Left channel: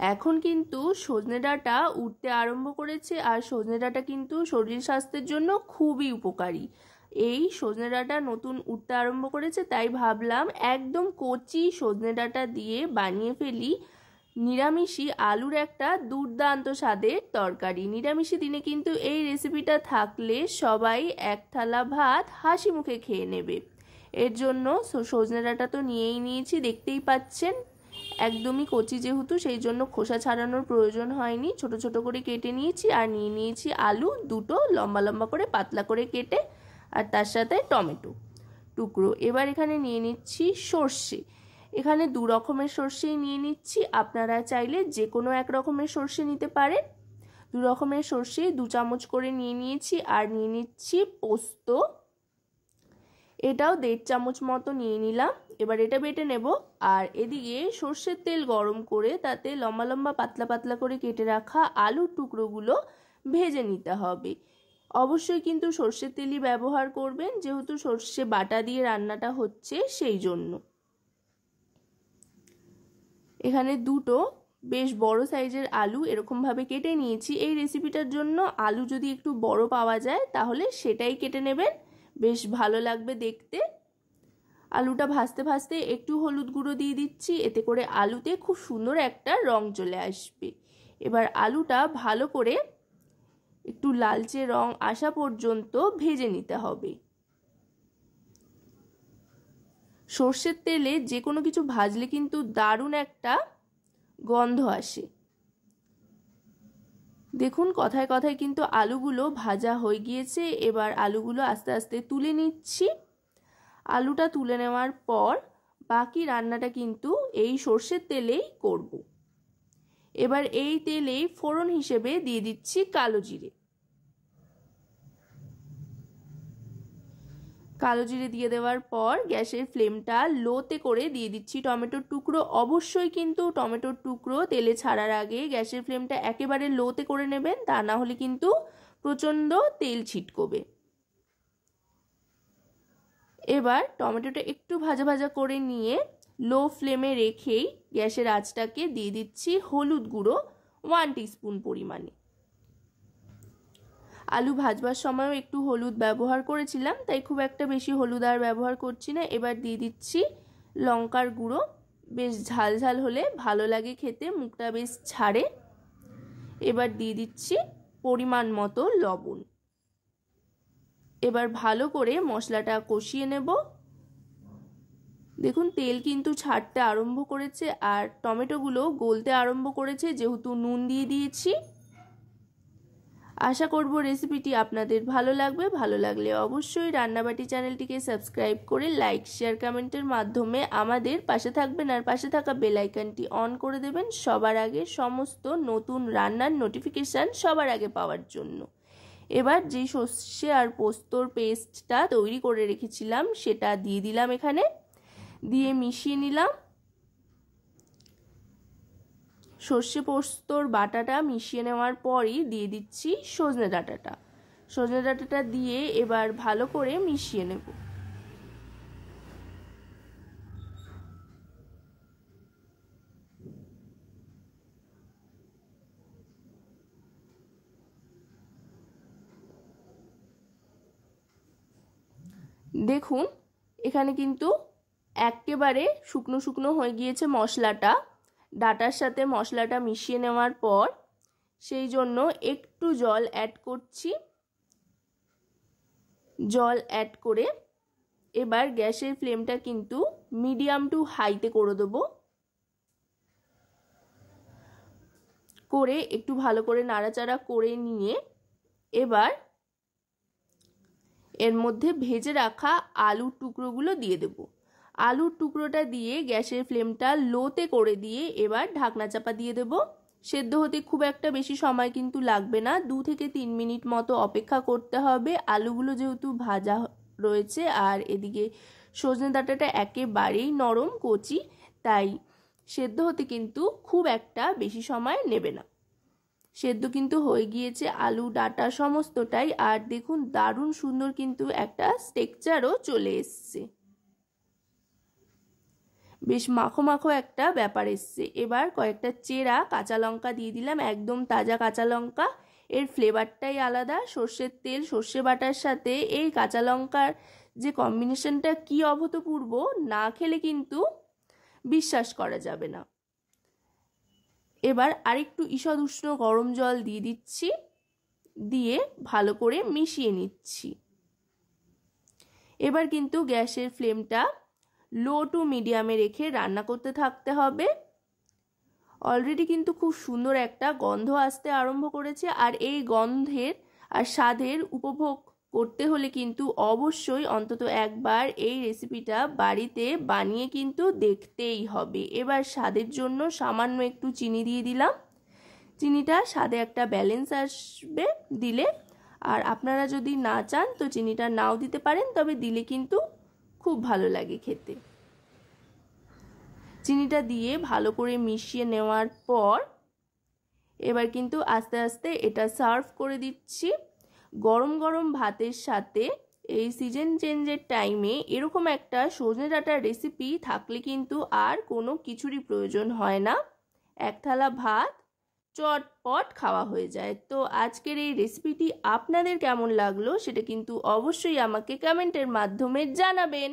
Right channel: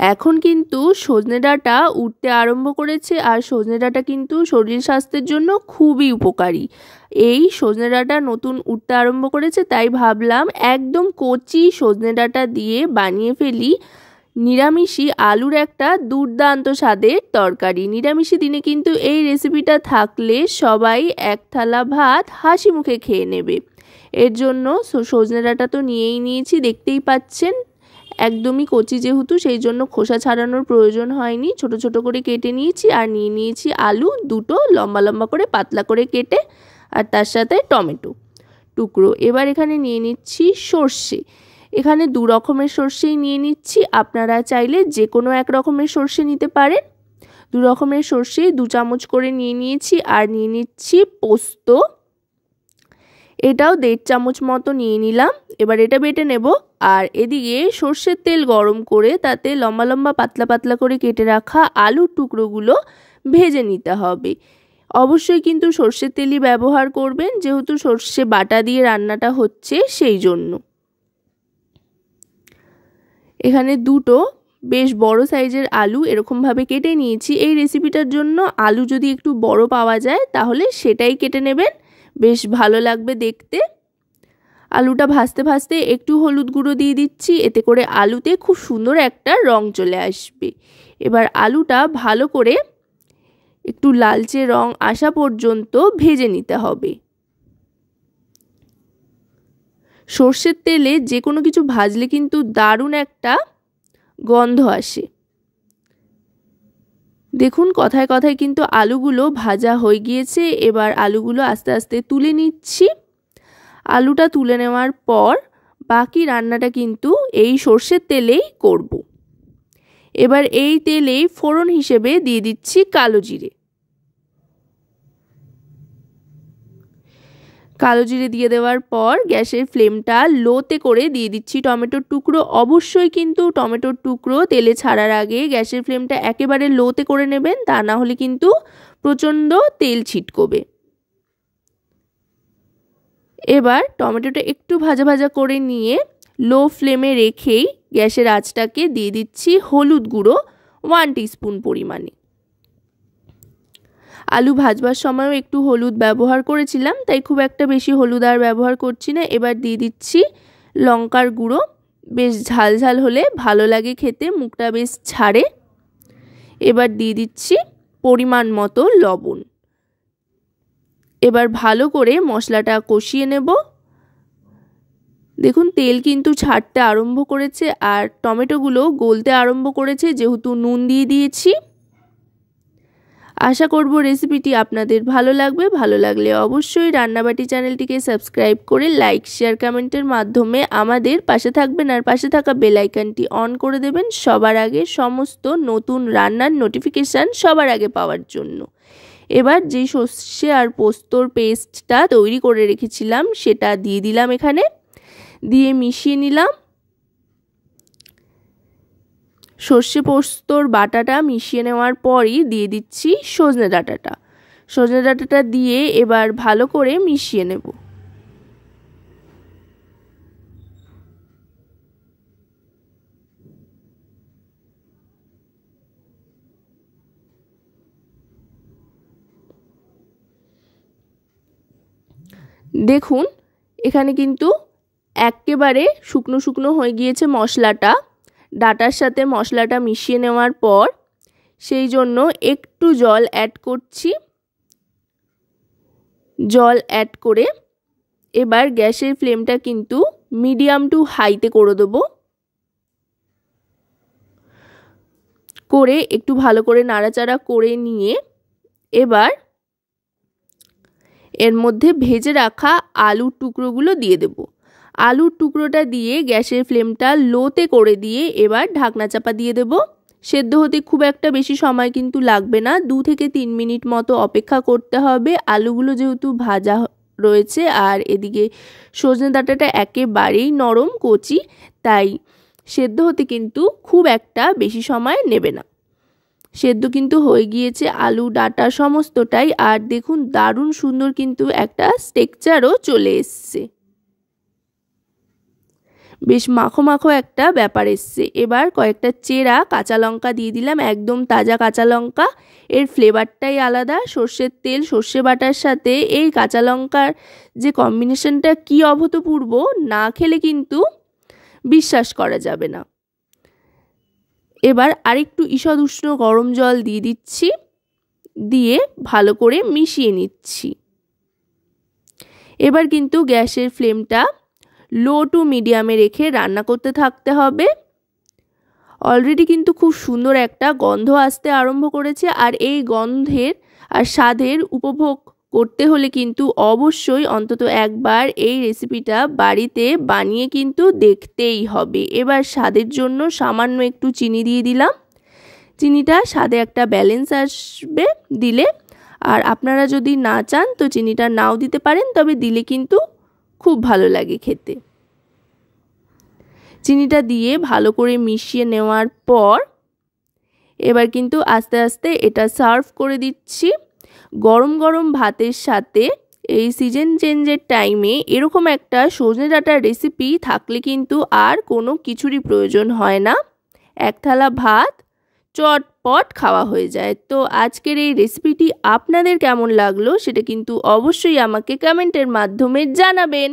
এখন কিন্তু সজনে ডাঁটা উঠতে আরম্ভ করেছে, আর সজনে ডাঁটা কিন্তু শরীর স্বাস্থ্যের জন্য খুবই উপকারী। এই সজনে ডাঁটা নতুন উঠতে আরম্ভ করেছে, তাই ভাবলাম একদম কচি সজনে ডাঁটা দিয়ে বানিয়ে ফেলি নিরামিষি আলুর একটা দুর্দান্ত স্বাদের তরকারি। নিরামিষি দিনে কিন্তু এই রেসিপিটা থাকলে সবাই এক থালা ভাত হাসি মুখে খেয়ে নেবে। এর জন্য সজনে ডাঁটা তো নিয়েই নিয়েছি, দেখতেই পাচ্ছেন একদমই কচি যেহেতু, সেই জন্য খোসা ছাড়ানোর প্রয়োজন হয়নি। ছোট ছোট করে কেটে নিয়েছি, আর নিয়ে নিয়েছি আলু দুটো লম্বা লম্বা করে পাতলা করে কেটে, আর তার সাথে টমেটো টুকরো। এবার এখানে নিয়ে নিচ্ছি সর্ষে, এখানে দু রকমের সর্ষেই নিয়ে নিচ্ছি, আপনারা চাইলে যে কোনো এক রকমের সর্ষে নিতে পারেন। দু রকমের সর্ষে 2 চামচ করে নিয়ে নিয়েছি। আর নিয়ে নিচ্ছি পোস্ত, এটাও 1.5 চামচ মতো নিয়ে নিলাম। এবার এটা বেটে নেব। আর এদিকে সর্ষের তেল গরম করে তাতে লম্বা লম্বা পাতলা পাতলা করে কেটে রাখা আলুর টুকরোগুলো ভেজে নিতে হবে। অবশ্যই কিন্তু সর্ষের তেলই ব্যবহার করবেন, যেহেতু সর্ষে বাটা দিয়ে রান্নাটা হচ্ছে সেই জন্য। এখানে দুটো বেশ বড় সাইজের আলু এরকমভাবে কেটে নিয়েছি। এই রেসিপিটার জন্য আলু যদি একটু বড় পাওয়া যায় তাহলে সেটাই কেটে নেবেন, বেশ ভালো লাগবে দেখতে। আলুটা ভাজতে ভাজতে একটু হলুদ গুঁড়ো দিয়ে দিচ্ছি, এতে করে আলুতে খুব সুন্দর একটা রং চলে আসবে। এবার আলুটা ভালো করে একটু লালচে রং আসা পর্যন্ত ভেজে নিতে হবে। সর্ষের তেলে যে কোনো কিছু ভাজলে কিন্তু দারুণ একটা গন্ধ আসে। দেখুন কথায় কথায় কিন্তু আলুগুলো ভাজা হয়ে গিয়েছে। এবার আলুগুলো আস্তে আস্তে তুলে নিচ্ছি। আলুটা তুলে নেওয়ার পর বাকি রান্নাটা কিন্তু এই সর্ষের তেলেই করব। এবার এই তেলেই ফোড়ন হিসেবে দিয়ে দিচ্ছি কালো জিরে। কালো জিরে দিয়ে দেওয়ার পর গ্যাসের ফ্লেমটা লোতে করে দিয়ে দিচ্ছি টমেটোর টুকরো। অবশ্যই কিন্তু টমেটোর টুকরো তেলে ছাড়ার আগে গ্যাসের ফ্লেমটা একেবারে লোতে করে নেবেন, তা না হলে কিন্তু প্রচণ্ড তেল ছিটকবে। এবার টমেটোটা একটু ভাজা ভাজা করে নিয়ে লো ফ্লেমে রেখেই গ্যাসের আঁচটাকে দিয়ে দিচ্ছি হলুদ গুঁড়ো 1 টিস্পুন পরিমাণে। আলু ভাজবার সময়ও একটু হলুদ ব্যবহার করেছিলাম, তাই খুব একটা বেশি হলুদ আর ব্যবহার করছি না। এবার দিয়ে দিচ্ছি লঙ্কার গুঁড়ো, বেশ ঝাল ঝাল হলে ভালো লাগে খেতে, মুখটা বেশ ছাড়ে। এবার দিয়ে দিচ্ছি পরিমাণ মতো লবণ। এবার ভালো করে মশলাটা কষিয়ে নেব। দেখুন তেল কিন্তু ছাড়তে আরম্ভ করেছে, আর টমেটোগুলো গলতে আরম্ভ করেছে, যেহেতু নুন দিয়ে দিয়েছি। আশা করব রেসিপিটি আপনাদের ভালো লাগবে। ভালো লাগলে অবশ্যই রান্নাবাটি চ্যানেলটিকে সাবস্ক্রাইব করে লাইক শেয়ার কমেন্টের মাধ্যমে আমাদের পাশে থাকবেন, আর পাশে থাকা বেল আইকনটি অন করে দেবেন সবার আগে সমস্ত নতুন রান্নার নোটিফিকেশান সবার আগে পাওয়ার জন্য। এবার যে সর্ষে আর পোস্তর পেস্টটা তৈরি করে রেখেছিলাম সেটা দিয়ে দিলাম, এখানে দিয়ে মিশিয়ে নিলাম। সর্ষে পোস্তর বাটাটা মিশিয়ে নেওয়ার পরই দিয়ে দিচ্ছি সজনে ডাঁটাটা। সজনে ডাঁটাটা দিয়ে এবার ভালো করে মিশিয়ে নেব। দেখুন এখানে কিন্তু একেবারে শুকনো শুকনো হয়ে গিয়েছে মশলাটা। ডাঁটার সাথে মশলাটা মিশিয়ে নেওয়ার পর সেই জন্য একটু জল অ্যাড করছি। জল অ্যাড করে এবার গ্যাসের ফ্লেমটা কিন্তু মিডিয়াম টু হাইতে করে দেবো। করে একটু ভালো করে নাড়াচাড়া করে নিয়ে এবার এর মধ্যে ভেজে রাখা আলুর টুকরোগুলো দিয়ে দেব। আলুর টুকরোটা দিয়ে গ্যাসের ফ্লেমটা লোতে করে দিয়ে এবার ঢাকনা চাপা দিয়ে দেব। সেদ্ধ হতে খুব একটা বেশি সময় কিন্তু লাগবে না, 2 থেকে 3 মিনিট মতো অপেক্ষা করতে হবে। আলুগুলো যেহেতু ভাজা রয়েছে আর এদিকে সজনে ডাঁটাটা একেবারেই নরম কচি, তাই সেদ্ধ হতে কিন্তু খুব একটা বেশি সময় নেবে না। সেদ্ধ কিন্তু হয়ে গিয়েছে আলু ডাঁটা সমস্তটাই, আর দেখুন দারুণ সুন্দর কিন্তু একটা টেক্সচারও চলে এসছে। বেশ মাখো মাখো একটা ব্যাপার এসছে। এবার কয়েকটা চেরা কাঁচা লঙ্কা দিয়ে দিলাম, একদম তাজা কাঁচা লঙ্কা। এর ফ্লেভারটাই আলাদা। সর্ষের তেল সর্ষে বাটার সাথে এই কাঁচা লঙ্কার যে কম্বিনেশনটা কি অভূতপূর্ব, না খেলে কিন্তু বিশ্বাস করা যাবে না। এবার আরেকটু ঈষৎ উষ্ণ গরম জল দিয়ে দিচ্ছি, দিয়ে ভালো করে মিশিয়ে নিচ্ছি। এবার কিন্তু গ্যাসের ফ্লেমটা লো টু মিডিয়ামে রেখে রান্না করতে থাকতে হবে। অলরেডি কিন্তু খুব সুন্দর একটা গন্ধ আসতে আরম্ভ করেছে, আর এই গন্ধের আর স্বাদের উপভোগ করতে হলে কিন্তু অবশ্যই অন্তত একবার এই রেসিপিটা বাড়িতে বানিয়ে কিন্তু দেখতেই হবে। এবার স্বাদের জন্য সামান্য একটু চিনি দিয়ে দিলাম। চিনিটা স্বাদে একটা ব্যালেন্স আসবে দিলে, আর আপনারা যদি না চান তো চিনিটা নাও দিতে পারেন, তবে দিলে কিন্তু খুব ভালো লাগে খেতে। চিনিটা দিয়ে ভালো করে মিশিয়ে নেওয়ার পর এবার কিন্তু আস্তে আস্তে এটা সার্ভ করে দিচ্ছি। গরম গরম ভাতের সাথে এই সিজন চেঞ্জের টাইমে এরকম একটা সজনে ডাঁটার রেসিপি থাকলে কিন্তু আর কোনো কিছুরই প্রয়োজন হয় না। এক থালা ভাত চটপট খাওয়া হয়ে যায়। তো আজকের এই রেসিপিটি আপনাদের কেমন লাগলো সেটা কিন্তু অবশ্যই আমাকে কমেন্টের মাধ্যমে জানাবেন।